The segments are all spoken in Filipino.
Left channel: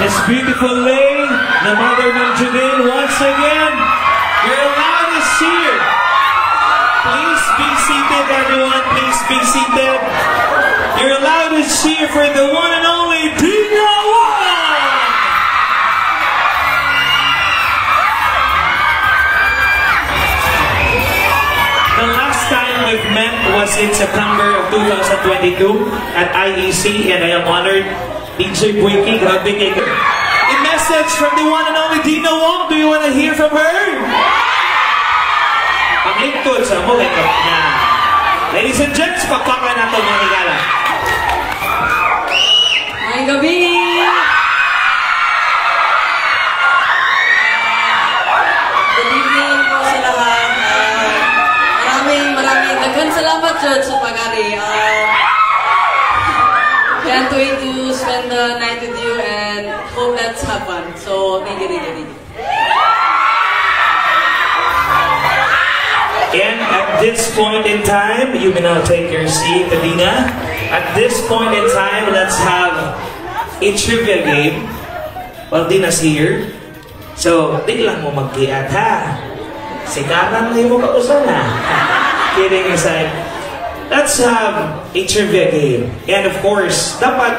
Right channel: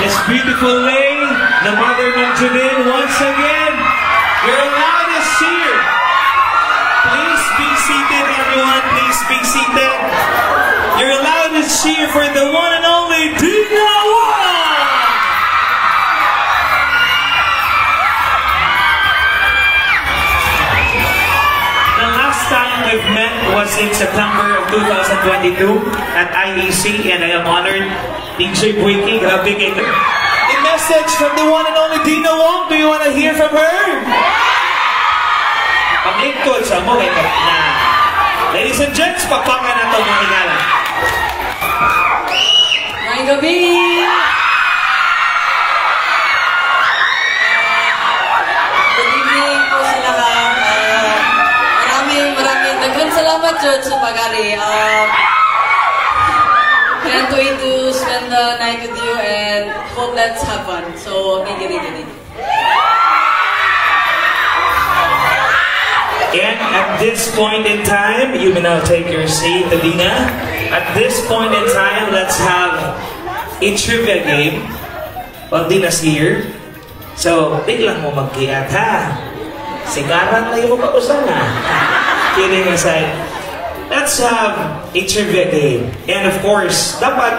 This beautiful lady, the mother of Judin, once again, you're allowed to cheer. Please be seated, everyone. Please be seated. You're allowed to cheer for the one and only Dina Wong. The last time we've met was in September of 2022 at IEC, and I am honored. DJ Buiki, grabe kayo. A message from the one and only Dina Wong. Do you want to hear from her? Paglingkod sa mo, wake up na. Ladies and gents, pakpakan na ito mga higala. Ngayong gabi! Good evening po sa lahat. Maraming daghang salamat sa pag-ali. Can't wait to spend the night with you and hope let's have fun. So, thank you. And at this point in time, you may now take your seat, Adina. At this point in time, let's have a trivia game. Well, Dina's here. So, di lang mo mag-kiat, ha? Sigaran na yung mapausan, ha? Kidding aside. Let's have a trivia game. And of course, dapat,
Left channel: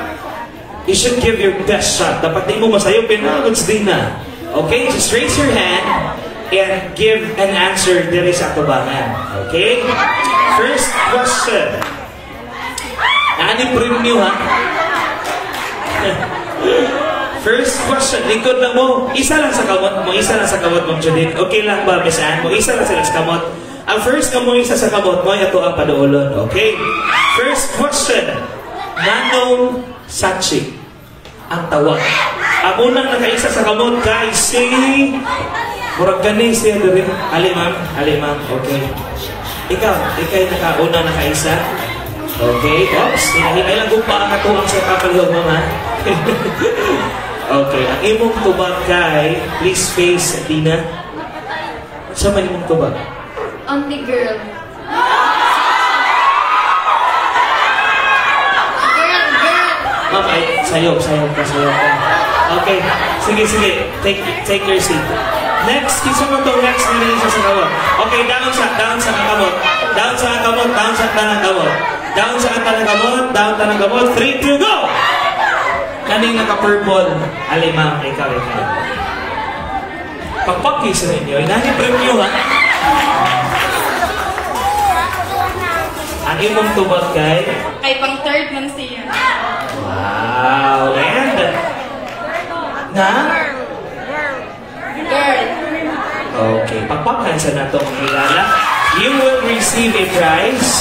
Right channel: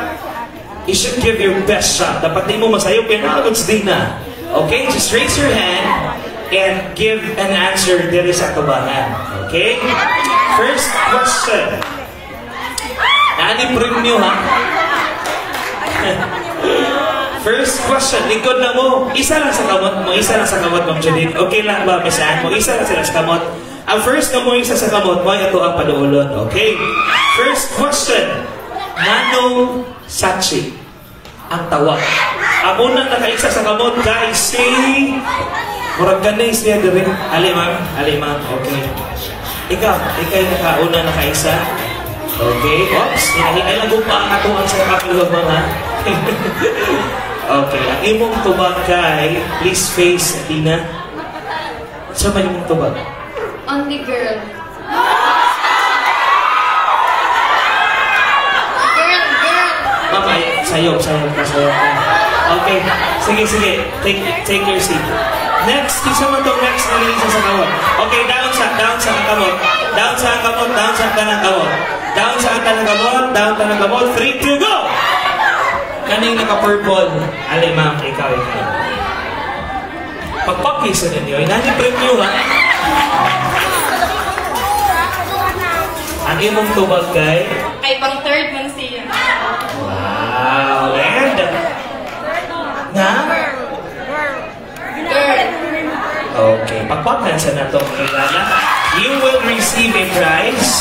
you should give your best shot. Dapat di mo masayo, pinagods din na. Okay? Just raise your hand and give an answer diri sa tubangan. Okay? First question. Nani premium, ha? First question. Likod lang mo. Isa lang sa kamot mo. Isa lang sa kamot mo, Judith. Okay lang ba, Misan mo? Isa lang sila sa kamot. Ang first na mo isa sa kamot mo, ito ang paduulon. Okay? First question. Manong Sachi ang tawag. Ang unang nakaisa sa kamot, guys, si... Murag ganing siya din. Alimang. Okay. Ikaw yung nakauna nakaisa. Okay. Oops. Hinahinay lang kung pa ang katuang sa kapalog mo, ha? Okay. Ang imong tubag kay, please face, Dina. Sa may imong tubag? Only girl. Girl. Mama, sayop ka. Okay. Sige. Take your seat. Next, isa mo itong next na rin sa kamot. Okay, down sa kamot. Down sa tanang kamot. 3, 2, go! Kaning naka-purple. Alimang, ikaw. Pagpagkisa ninyo, inani premyo, ha? Ang imong tubag kay? Ay, pang third man siya. Wow! And? Girl. Okay, pagpaplan sa natong kilala. You will receive a prize.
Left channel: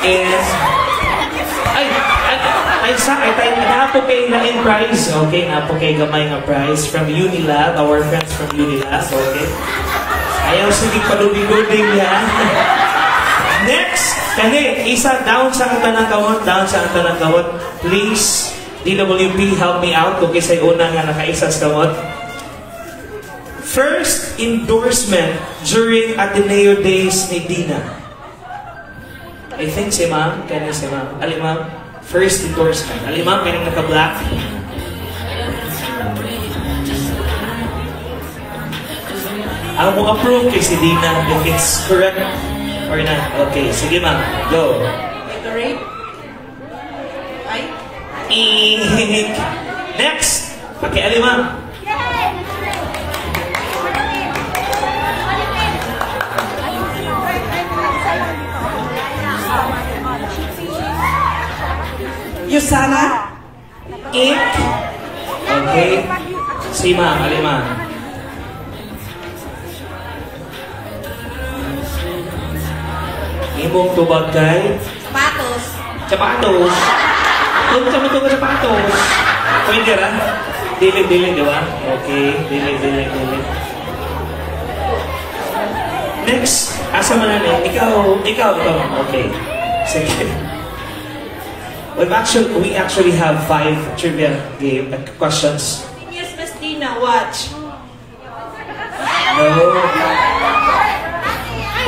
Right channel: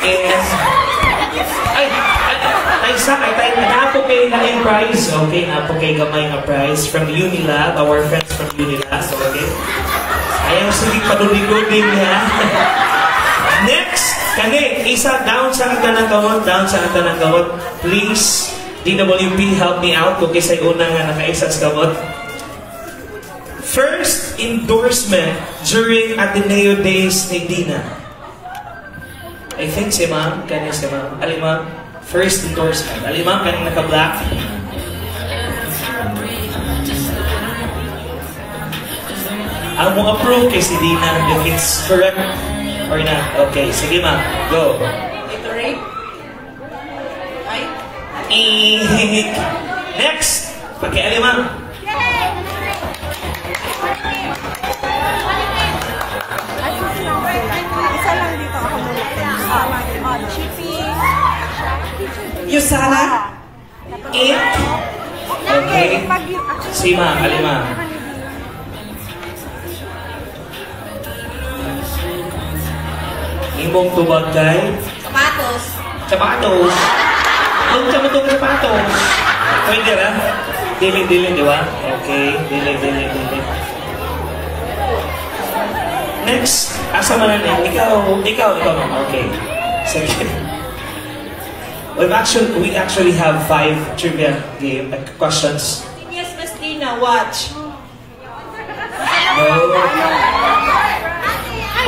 And... Ay, napo kayo na yung prize. Okay, napo kayo gamay nga prize from Unilab, our friends from Unilab. Okay. Ayaw sige palulig-lulig, ha? Next, isa down sa tanang kamot. Please, DWP, help me out. Okay, sa una nga nakaisa sa kamot. First endorsement during Ateneo Days ni Dina. I think si Ma'am. Alimang, first endorsement. Alimang, kaning naka-black. Ang mo approve kay si Dina if it's correct or not. Okay, sige Ma'am. Go. Correct? Ay? Next, pakialimang. Yusana? It. Okay. Si Ma'am, alimang. Imong tubag kay? Sapatos. Huwag ka matungkol sapatos. Pwede ra? Dili, di ba? Okay. Dili. Next. Asa man na Ikaw. Okay. Sige. We actually have 5 trivia game questions. Yes, Miss Dina, watch. No.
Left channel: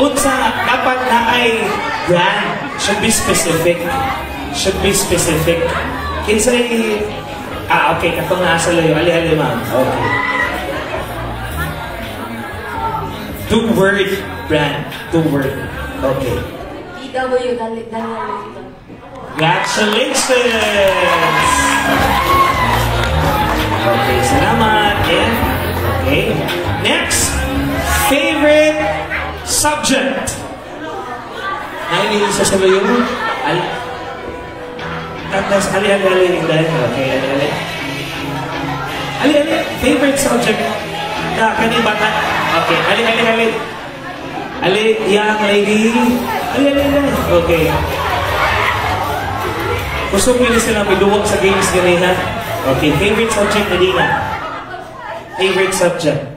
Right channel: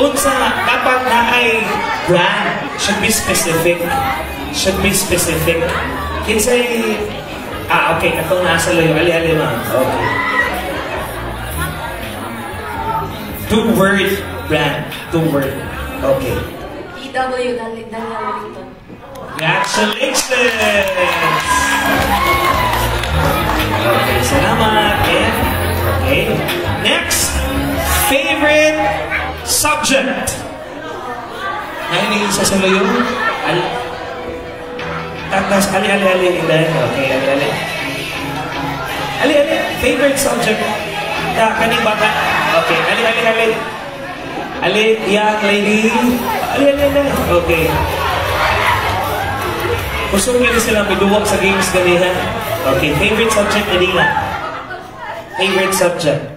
Unsa dapat na ay brand should be specific. Kinsay Okay. Katong nasa layo. Ali, ma'am. Okay. 2-word brand. 2-word. Okay. DW, Daniel Liton. Congratulations! Okay, salamat. Yeah. Okay. Next, favorite subject. Nailing sa saluyo. Tapos, ali. Okay, ali. Favorite subject. Kaning bata. Okay, ali. Ali, young lady. Ali. Okay. Gusto mo yun sila may duwag sa games ganina. Okay, favorite subject na Dina? Favorite subject?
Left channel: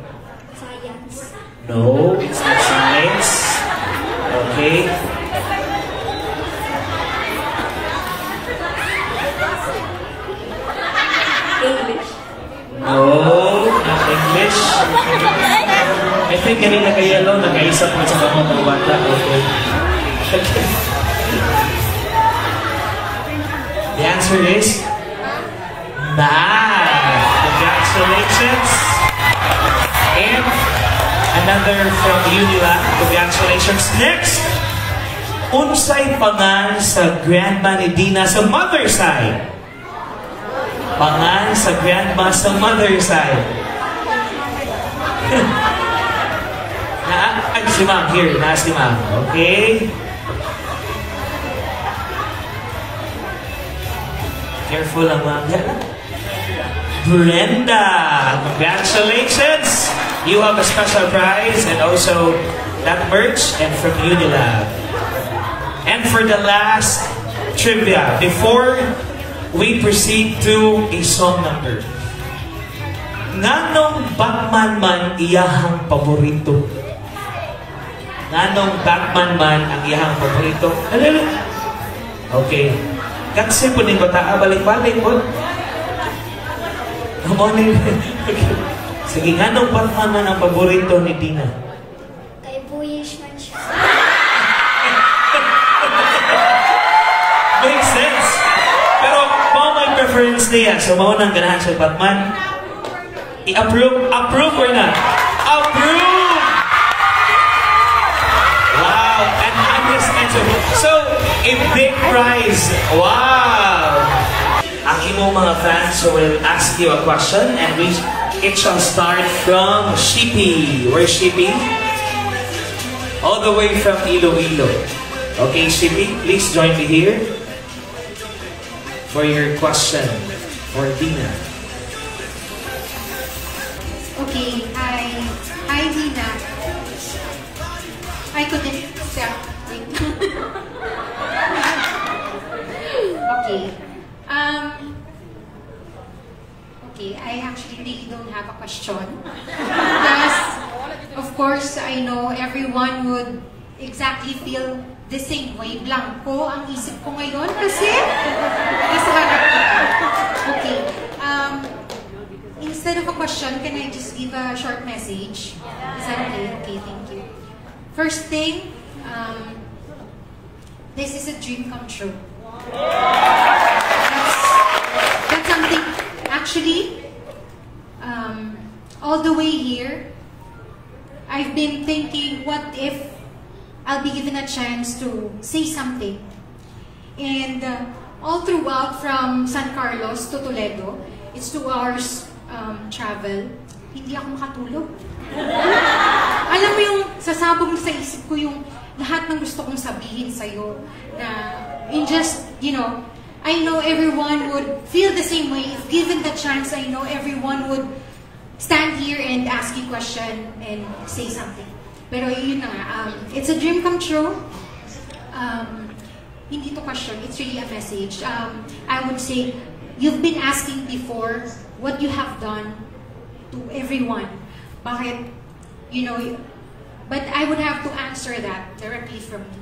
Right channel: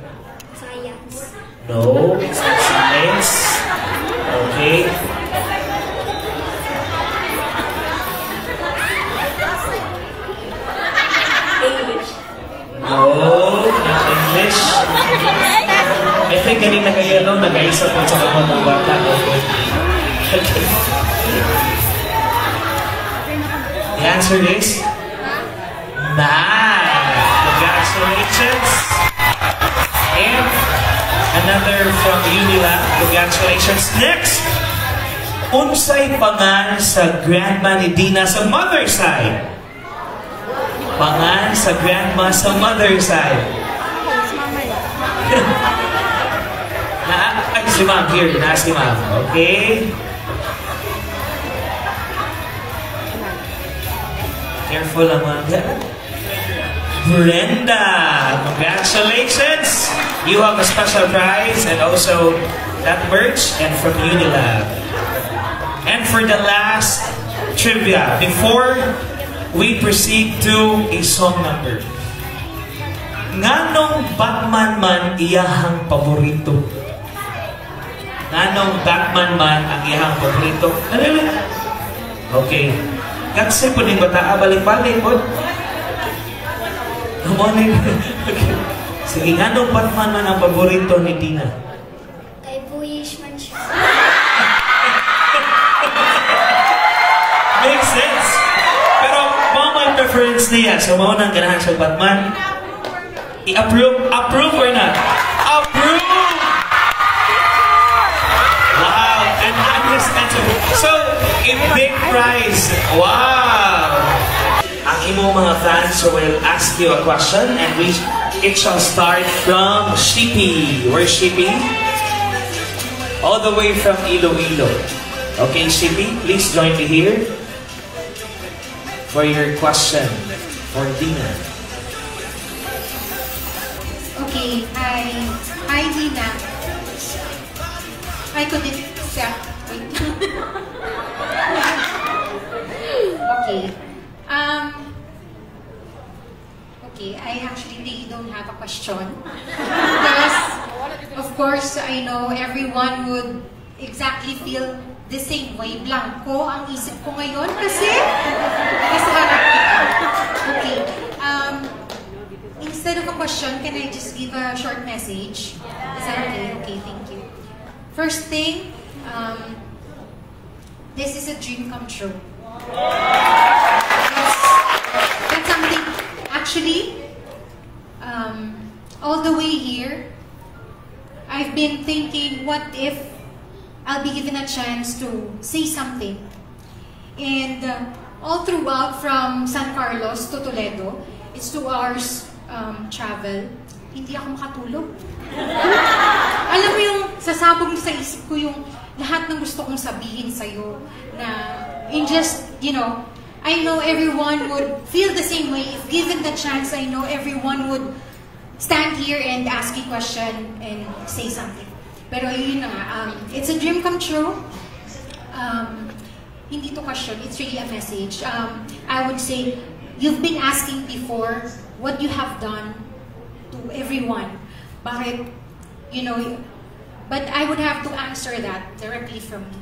Science. No, it's not science. Okay. English. No, not English. I think kanina kayo, no? Nag-aisa po sa mga bata. Okay. The answer is math. Congratulations. And another from Unilab. Congratulations. Next, unsay pangan sa grandma ni Dina sa mother side? Pangan sa grandma sa mother side. Ay, si ma'am. Here, si ma'am. Okay. Careful lang, ma'am. Brenda, congratulations! You have a special prize and also that merch and from Unilab. And for the last trivia, before we proceed to a song number, nganong Batman man iyahang paborito? Nganong Batman man ang iyahang paborito? Okay. Kasi po din bata, balik-balik po. Come on in. Okay. Sige, nganong Batman man ang paborito ni Dina? Kay Boyish man siya. Makes sense. Pero, may preference niya. So, maunang ganahan sa Batman. I-approve? Approve or not? Approve! Wow! And honest answer. So, a big prize. Wow! Ang imo mga fans will ask you a question and it shall start from Shippy. Where's Shippy? All the way from Iloilo. Okay, Shippy, please join me here for your question for Dina. Okay, hi Dina. I couldn't accept. Okay. Okay, I actually really don't have a question. Because, of course, I know everyone would exactly feel the same way. Blanco ang isip ko ngayon kasi okay. Instead of a question, can I just give a short message? Is that okay? Okay, thank you. First thing, this is a dream come true. That's something, actually, all the way here, I've been thinking, what if I'll be given a chance to say something? And all throughout from San Carlos to Toledo, it's 2 hours travel. Hindi ako makatulog. Alam mo yung sasabog sa isip ko yung lahat ng gusto kong sabihin sa'yo na in just, you know, I know everyone would feel the same way. If given the chance, I know everyone would stand here and ask you a question and say something. Pero yun na nga, it's a dream come true. Hindi to question, it's really a message. I would say, you've been asking before what you have done to everyone. Bakit, you know, but I would have to answer that directly from me.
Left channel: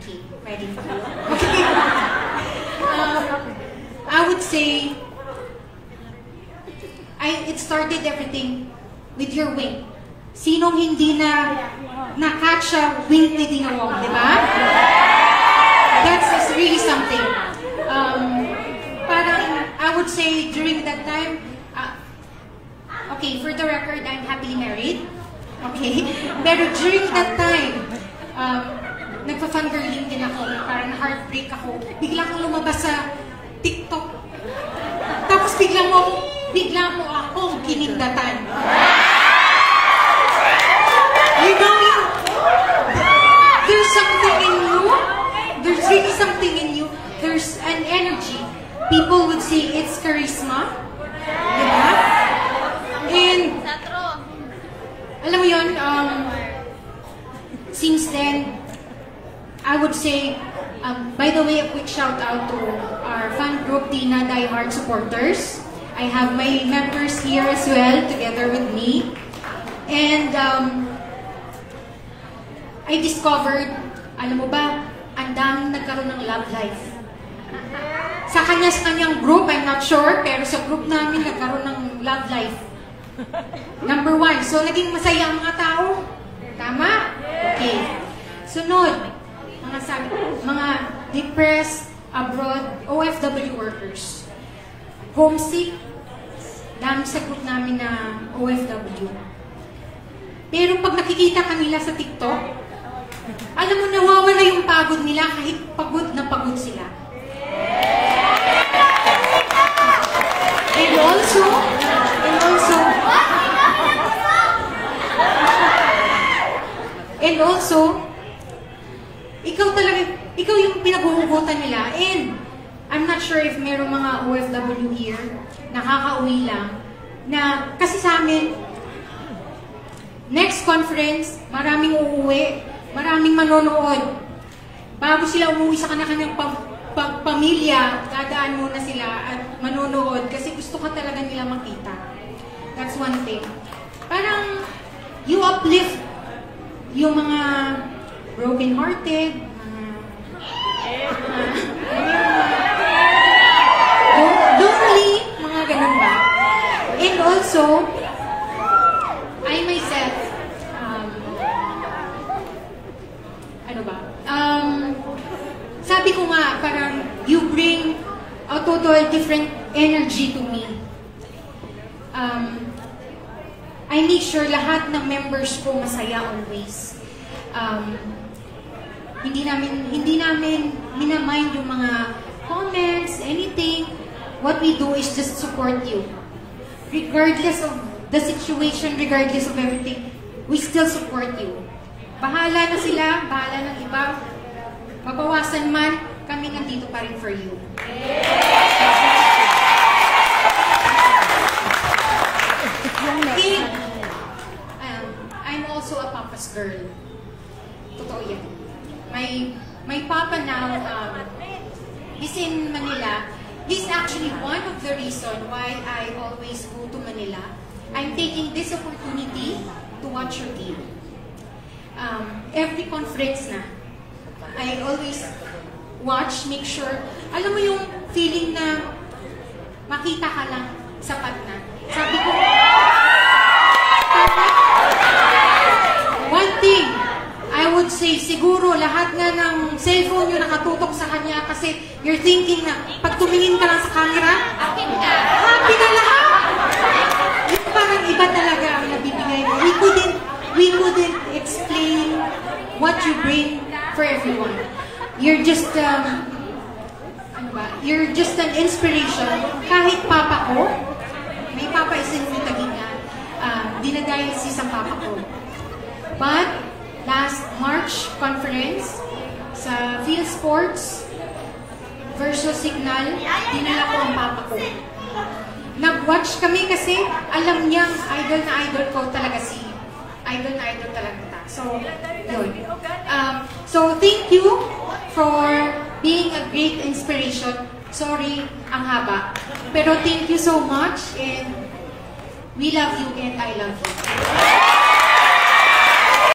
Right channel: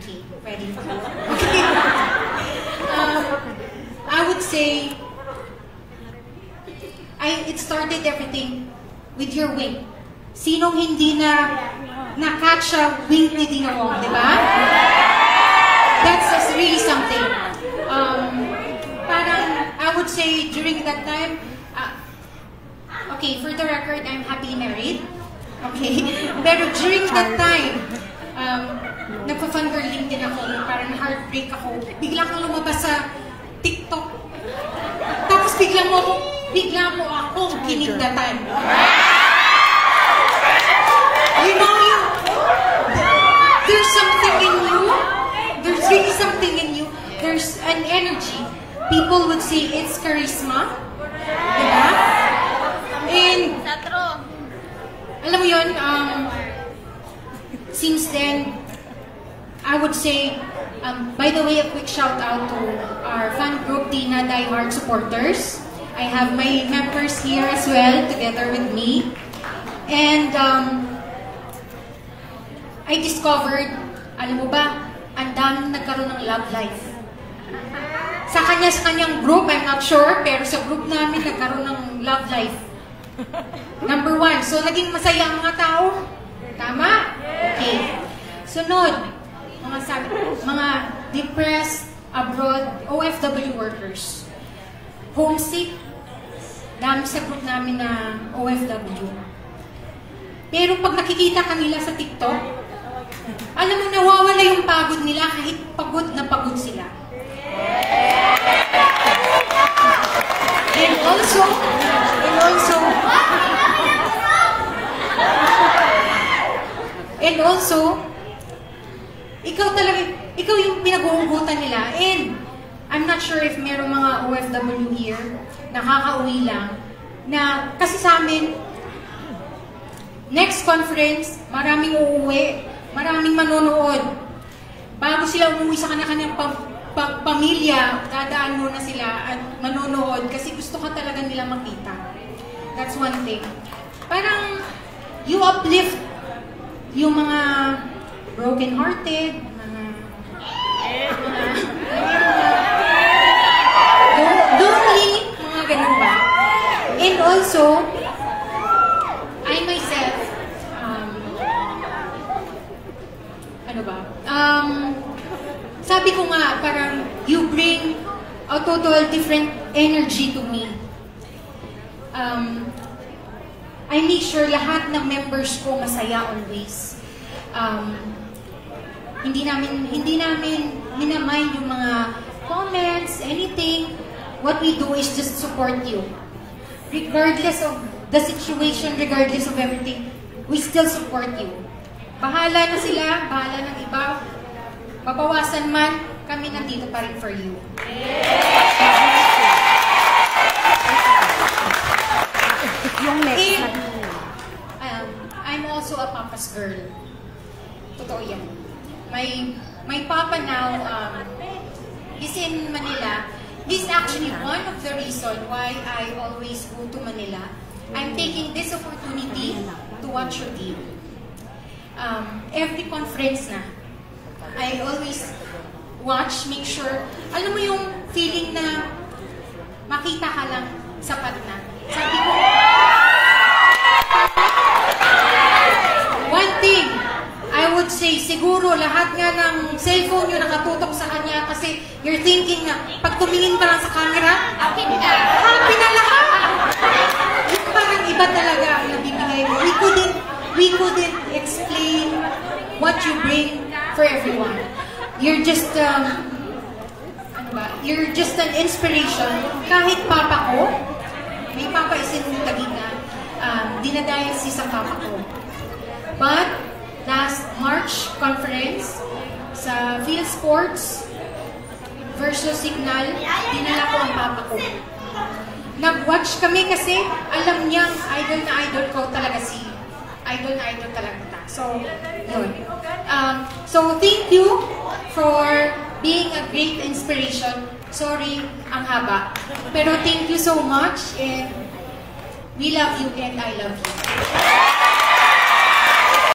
Okay, ready for you? Okay. I would say, it started everything with your wing. Sinong hindi na na-catch a wing ni Dina Wong, di ba? That's really something. would say during that time, okay, for the record, I'm happily married. Okay? Pero during that time, nagpa-fangirling din ako, parang heartbreak ako. Bigla akong lumabas sa TikTok. Tapos bigla mo akong kinigdatan. You know, there's something in you. There's really something in you. There's an energy. People would say it's charisma. Yeah? And, alam mo yun, since then, I would say, by the way, a quick shout out to our fan group, Tina Die Hard Supporters. I have my members here as well, together with me. And, I discovered, alam mo ba, ang daming nagkaroon ng love life. Sa kanyang group, I'm not sure, pero sa group namin nagkaroon ng love life. Number 1, so naging masaya ang mga tao. Tama? Okay. Sunod, mga depressed abroad OFW workers. Homesick, dami sa group namin na OFW. Pero pag nakikita kanila sa TikTok, alam mo, nawawala yung pagod nila kahit pagod na pagod sila. And also, ikaw yung pinag-uugutan nila. And I'm not sure if merong mga OFW here, nakakauwi lang, na kasi sa amin, next conference, maraming uuwi, maraming manonood. Bago sila umuwi sa kanya-kanyang pamilya, dadaan muna sila at manonood kasi gusto ka talaga nila makita. That's one thing. Parang you uplift yung mga broken-hearted, lonely, mga ganun ba? And also, I myself, sabi ko nga, parang you bring a total different energy to me. I make sure lahat ng members ko masaya always. Hindi namin minamind yung mga comments, anything. What we do is just support you. Regardless of the situation, regardless of everything, we still support you. Bahala na sila, bahala ng iba. Mabawasan man, kami nandito pa rin for you. And, I'm also a papa's girl. Totoo yan. My papa now, he's in Manila. He's actually one of the reasons why I always go to Manila. I'm taking this opportunity to watch your game. Every conference na, I always watch, make sure, alam mo yung feeling na makita ka lang, sapat na. Sabi ko, one thing, I would say, siguro lahat nga ng cellphone nyo nakatutok sa kanya kasi you're thinking na pag tumingin ka lang sa camera, happy na lahat. Yung parang iba talaga ang nabibigay mo. We couldn't explain what you bring for everyone. You're just, you're just an inspiration. Kahit papa ko, may papa is in Tagina, dinadialysis ang papa ko. But, last March conference, sa Field Sports versus Signal, dinala ko ang papa ko. Nag-watch kami kasi alam niyang idol na idol ko talaga si idol na idol talaga ta. So, yun. So, thank you for being a great inspiration. Sorry, ang haba. Pero thank you so much and we love you and I love you.